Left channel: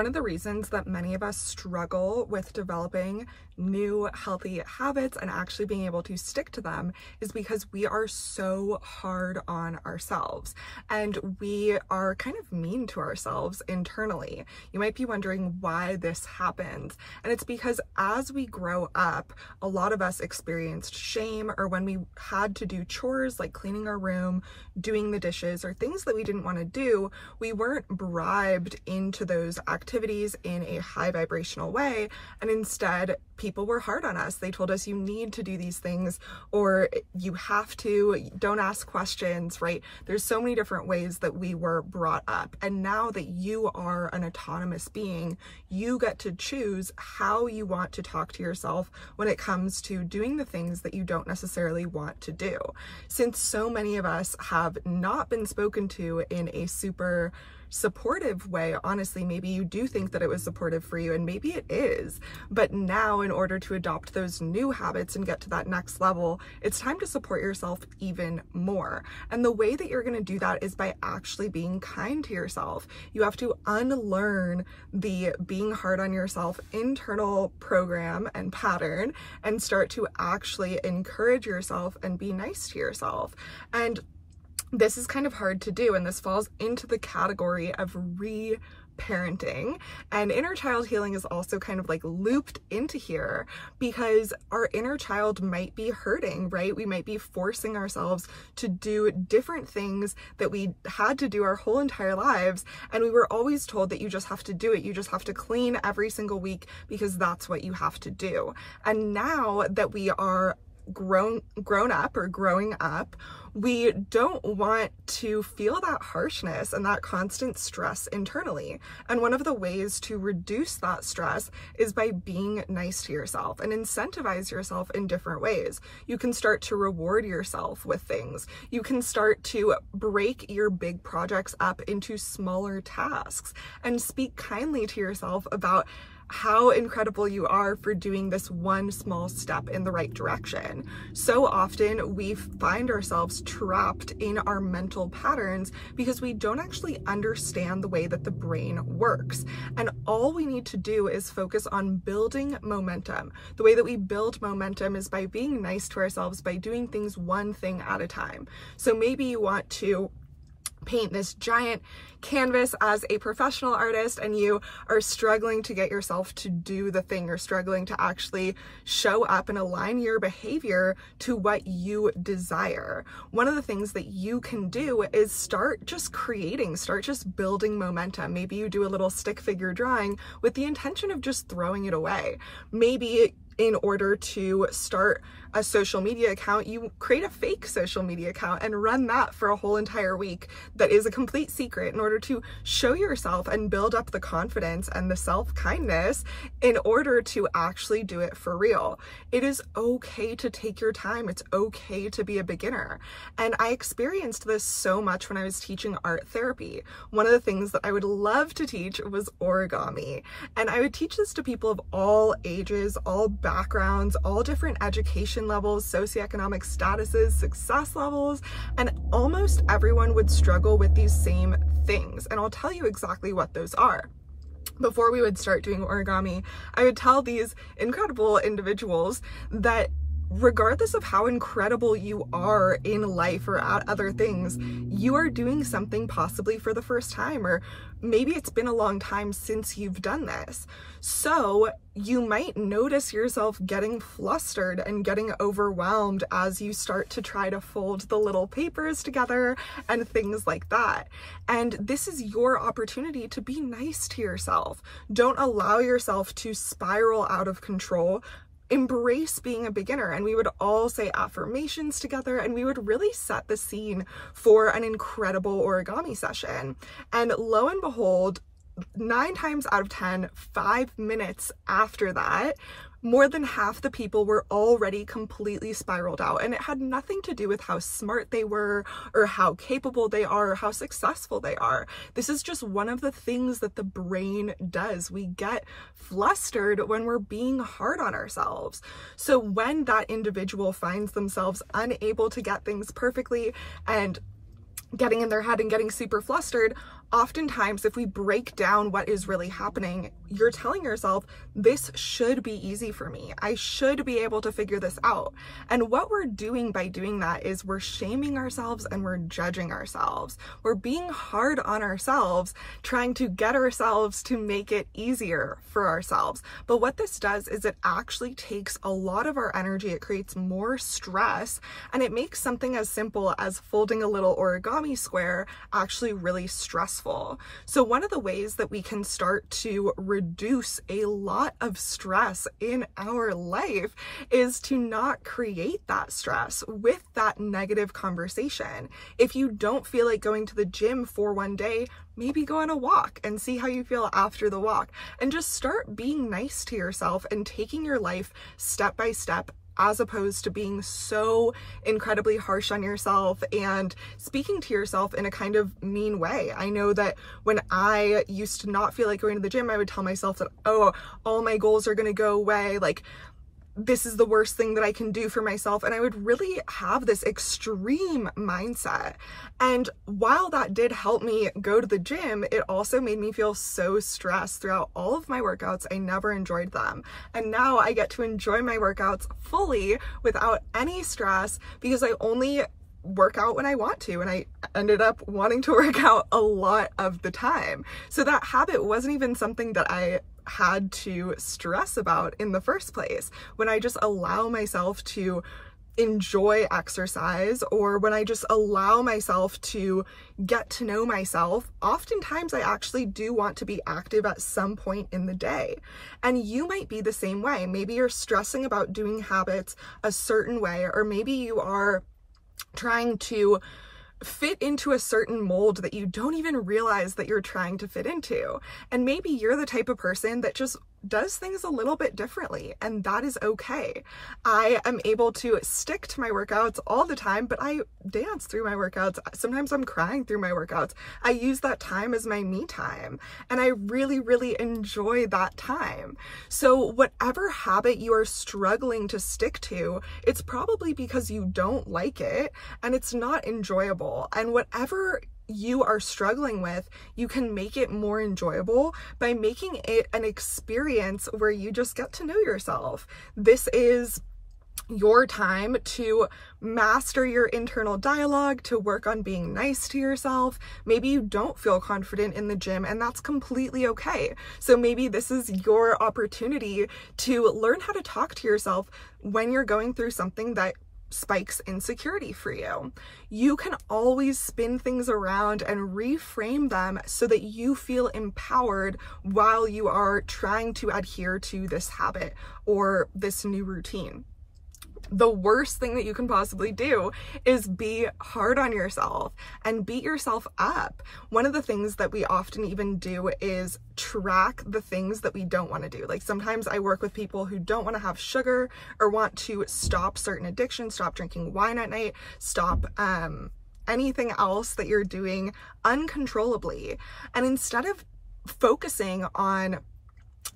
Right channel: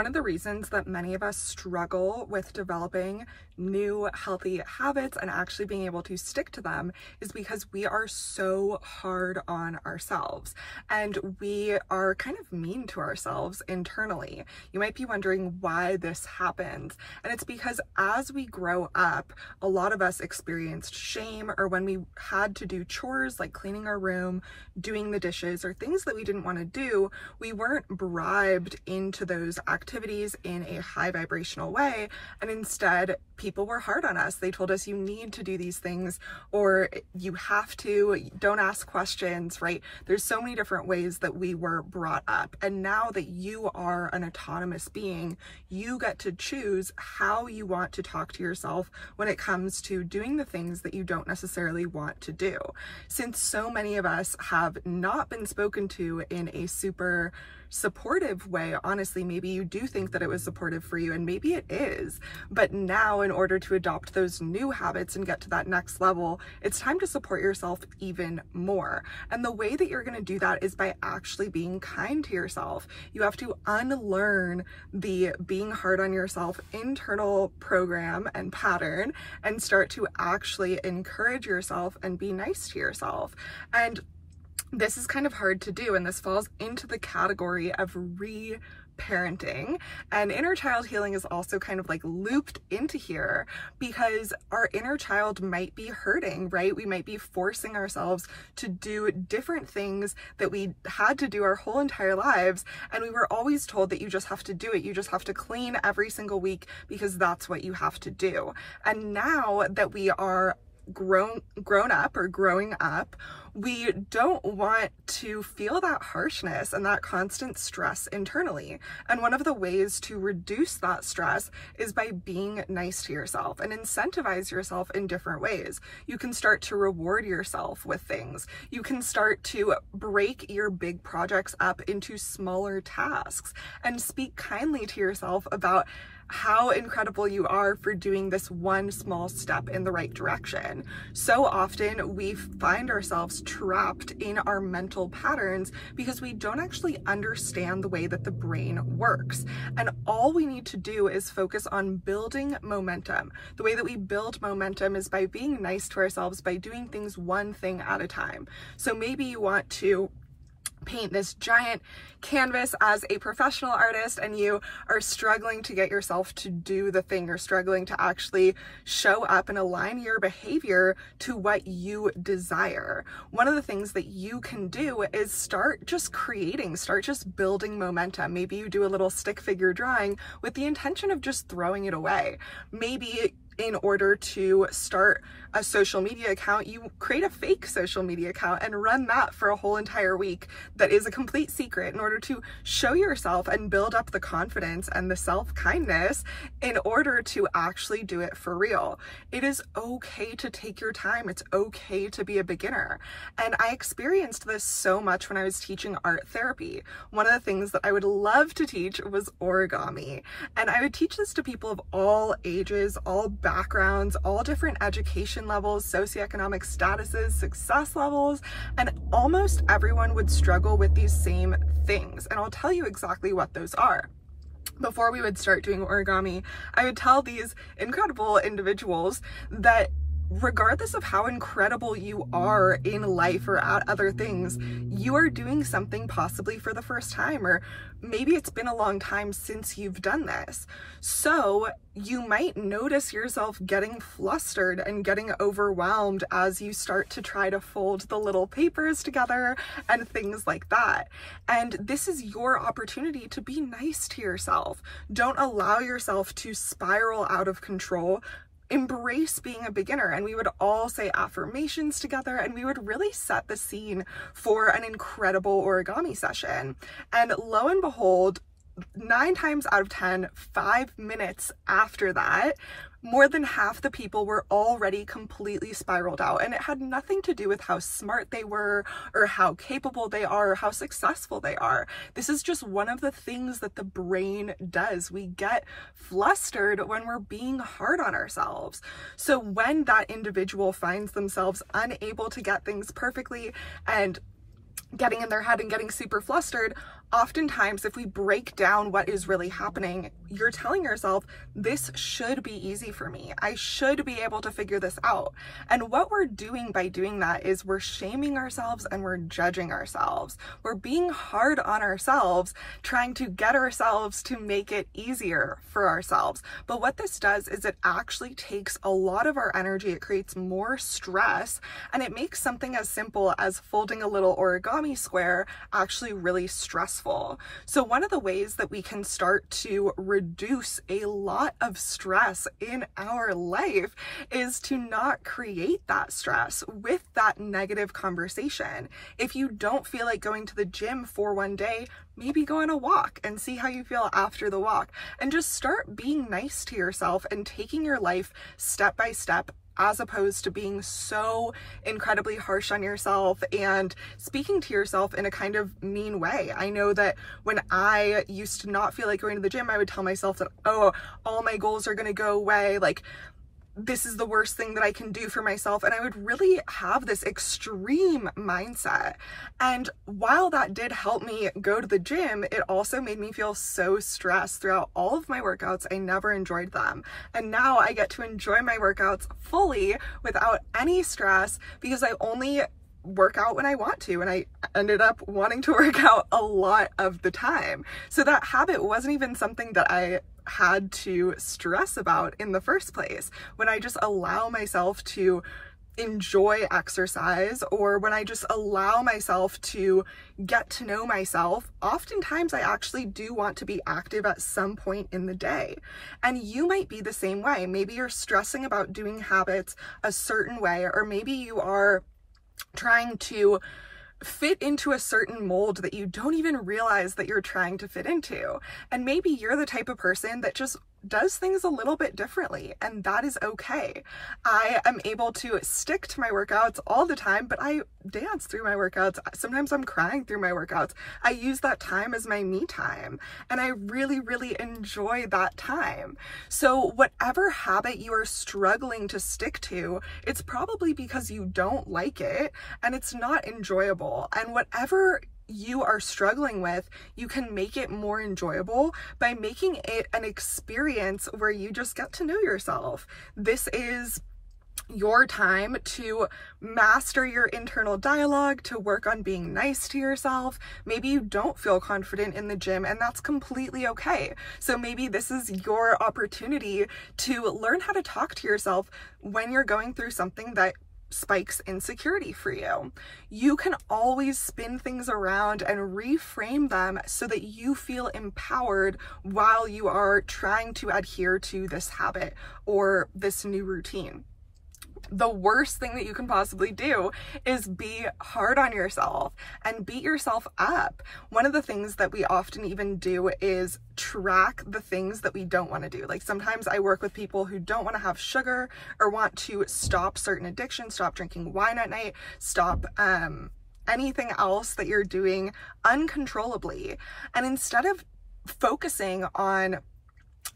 one of the reasons that many of us struggle with developing new healthy habits and actually being able to stick to them is because we are so hard on ourselves and we are kind of mean to ourselves internally. You might be wondering why this happens, and it's because as we grow up, a lot of us experienced shame, or when we had to do chores like cleaning our room, doing the dishes, or things that we didn't want to do, we weren't bribed into those activities in a high vibrational way, and instead people were hard on us. They told us you need to do these things, or you have to, don't ask questions, right? There's so many different ways that we were brought up. And now that you are an autonomous being, you get to choose how you want to talk to yourself when it comes to doing the things that you don't necessarily want to do. Since so many of us have not been spoken to in a super supportive way, honestly, maybe you do think that it was supportive for you, and maybe it is, but now in order to adopt those new habits and get to that next level, it's time to support yourself even more. And the way that you're going to do that is by actually being kind to yourself. You have to unlearn the being hard on yourself internal program and pattern and start to actually encourage yourself and be nice to yourself. And this is kind of hard to do, and this falls into the category of parenting, and inner child healing is also kind of like looped into here because our inner child might be hurting, right? We might be forcing ourselves to do different things that we had to do our whole entire lives, and we were always told that you just have to do it. You just have to clean every single week because that's what you have to do. And now that we are grown up or growing up, we don't want to feel that harshness and that constant stress internally. And one of the ways to reduce that stress is by being nice to yourself and incentivize yourself in different ways. You can start to reward yourself with things. You can start to break your big projects up into smaller tasks and speak kindly to yourself about how incredible you are for doing this one small step in the right direction. So often we find ourselves trapped in our mental patterns because we don't actually understand the way that the brain works. And all we need to do is focus on building momentum. The way that we build momentum is by being nice to ourselves, by doing things one thing at a time. So maybe you want to paint this giant canvas as a professional artist and you are struggling to get yourself to do the thing. You're struggling to actually show up and align your behavior to what you desire. One of the things that you can do is start just creating, start just building momentum. Maybe you do a little stick figure drawing with the intention of just throwing it away. Maybe in order to start a social media account, you create a fake social media account and run that for a whole entire week that is a complete secret in order to show yourself and build up the confidence and the self-kindness in order to actually do it for real. It is okay to take your time. It's okay to be a beginner. And I experienced this so much when I was teaching art therapy. One of the things that I would love to teach was origami. And I would teach this to people of all ages, all backgrounds, all different education levels, socioeconomic statuses, success levels, and almost everyone would struggle with these same things. And I'll tell you exactly what those are. Before we would start doing origami, I would tell these incredible individuals that regardless of how incredible you are in life or at other things, you are doing something possibly for the first time, or maybe it's been a long time since you've done this. So you might notice yourself getting flustered and getting overwhelmed as you start to try to fold the little papers together and things like that. And this is your opportunity to be nice to yourself. Don't allow yourself to spiral out of control. Embrace being a beginner. And we would all say affirmations together and we would really set the scene for an incredible origami session. And lo and behold, 9 times out of 10, 5 minutes after that, more than half the people were already completely spiraled out. And it had nothing to do with how smart they were or how capable they are or how successful they are. This is just one of the things that the brain does. We get flustered when we're being hard on ourselves. So when that individual finds themselves unable to get things perfectly and getting in their head and getting super flustered, oftentimes, if we break down what is really happening, you're telling yourself, this should be easy for me. I should be able to figure this out. And what we're doing by doing that is we're shaming ourselves and we're judging ourselves. We're being hard on ourselves, trying to get ourselves to make it easier for ourselves. But what this does is it actually takes a lot of our energy. It creates more stress, and it makes something as simple as folding a little origami square actually really stressful. So one of the ways that we can start to reduce a lot of stress in our life is to not create that stress with that negative conversation. If you don't feel like going to the gym for one day, maybe go on a walk and see how you feel after the walk, and just start being nice to yourself and taking your life step by step, as opposed to being so incredibly harsh on yourself and speaking to yourself in a kind of mean way. I know that when I used to not feel like going to the gym, I would tell myself that, oh, all my goals are going to go away. Like, this is the worst thing that I can do for myself. And I would really have this extreme mindset. And while that did help me go to the gym, it also made me feel so stressed throughout all of my workouts. I never enjoyed them. And now I get to enjoy my workouts fully without any stress, because I only work out when I want to, and I ended up wanting to work out a lot of the time. So that habit wasn't even something that I had to stress about in the first place. When I just allow myself to enjoy exercise, or when I just allow myself to get to know myself, oftentimes I actually do want to be active at some point in the day. And you might be the same way. Maybe you're stressing about doing habits a certain way, or maybe you are trying to fit into a certain mold that you don't even realize that you're trying to fit into. And maybe you're the type of person that just does things a little bit differently, and that is okay. I am able to stick to my workouts all the time, but I dance through my workouts. Sometimes I'm crying through my workouts. I use that time as my me time, and I really, really enjoy that time. So whatever habit you are struggling to stick to, it's probably because you don't like it and it's not enjoyable. And whatever you are struggling with, you can make it more enjoyable by making it an experience where you just get to know yourself. This is your time to master your internal dialogue, to work on being nice to yourself. Maybe you don't feel confident in the gym, and that's completely okay. So maybe this is your opportunity to learn how to talk to yourself when you're going through something that spikes insecurity for you. You can always spin things around and reframe them so that you feel empowered while you are trying to adhere to this habit or this new routine. The worst thing that you can possibly do is be hard on yourself and beat yourself up. One of the things that we often even do is track the things that we don't want to do. Like, sometimes I work with people who don't want to have sugar or want to stop certain addictions, stop drinking wine at night, stop anything else that you're doing uncontrollably. And instead of focusing on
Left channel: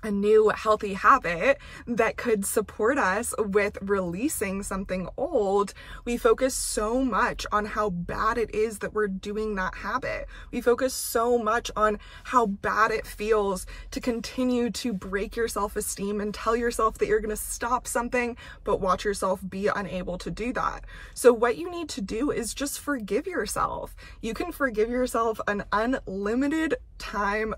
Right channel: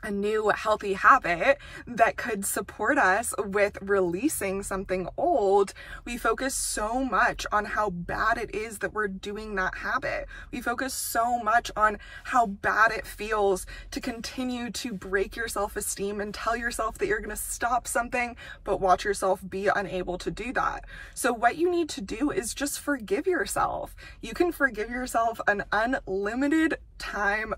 a new healthy habit that could support us with releasing something old, we focus so much on how bad it is that we're doing that habit. We focus so much on how bad it feels to continue to break your self-esteem and tell yourself that you're going to stop something, but watch yourself be unable to do that. So what you need to do is just forgive yourself. You can forgive yourself an unlimited times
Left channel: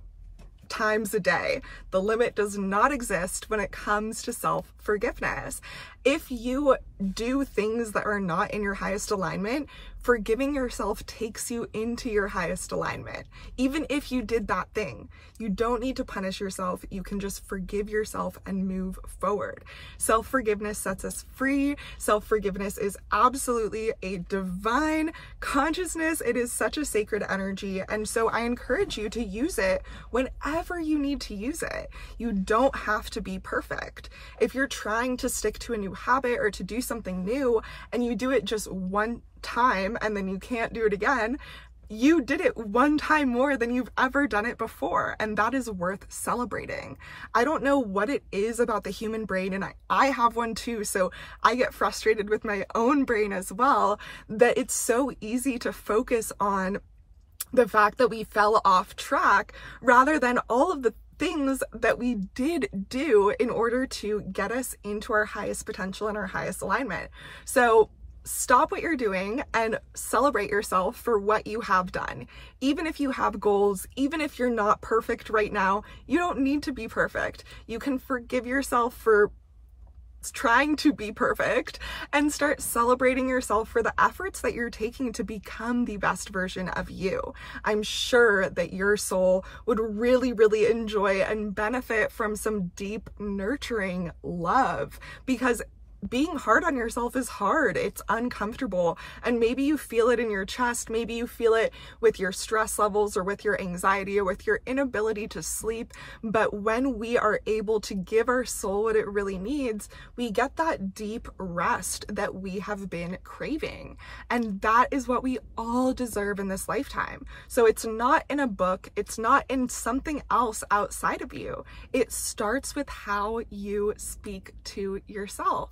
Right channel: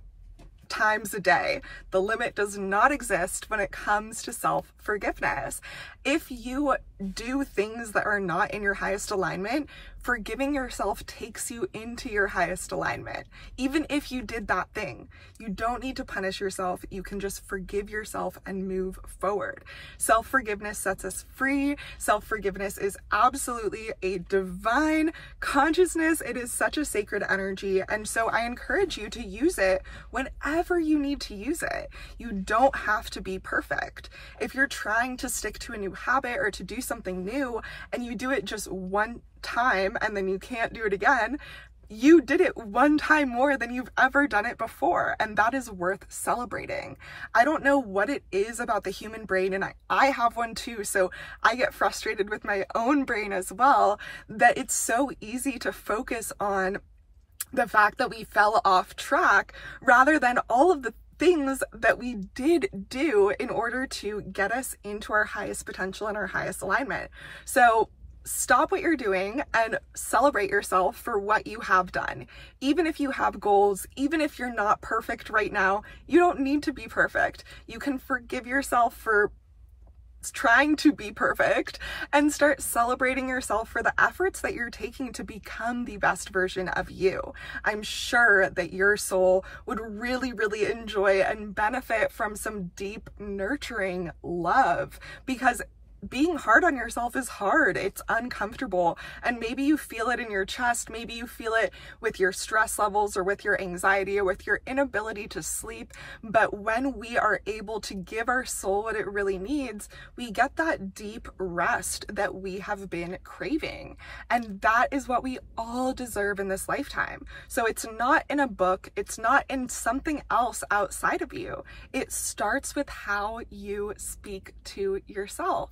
a day. The limit does not exist when it comes to self-forgiveness. If you do things that are not in your highest alignment, forgiving yourself takes you into your highest alignment. Even if you did that thing, you don't need to punish yourself. You can just forgive yourself and move forward. Self-forgiveness sets us free. Self-forgiveness is absolutely a divine consciousness. It is such a sacred energy. And so I encourage you to use it whenever you need to use it. You don't have to be perfect. If you're trying to stick to a new habit or to do something new and you do it just one time and then you can't do it again, you did it one time more than you've ever done it before, and that is worth celebrating. I don't know what it is about the human brain, and I have one too, so I get frustrated with my own brain as well, that it's so easy to focus on the fact that we fell off track rather than all of the things that we did do in order to get us into our highest potential and our highest alignment. So stop what you're doing and celebrate yourself for what you have done. Even if you have goals, even if you're not perfect right now, you don't need to be perfect. You can forgive yourself for trying to be perfect and start celebrating yourself for the efforts that you're taking to become the best version of you. I'm sure that your soul would really, really enjoy and benefit from some deep, nurturing love, because being hard on yourself is hard. It's uncomfortable. And maybe you feel it in your chest. Maybe you feel it with your stress levels or with your anxiety or with your inability to sleep. But when we are able to give our soul what it really needs, we get that deep rest that we have been craving. And that is what we all deserve in this lifetime. So it's not in a book. It's not in something else outside of you. It starts with how you speak to yourself.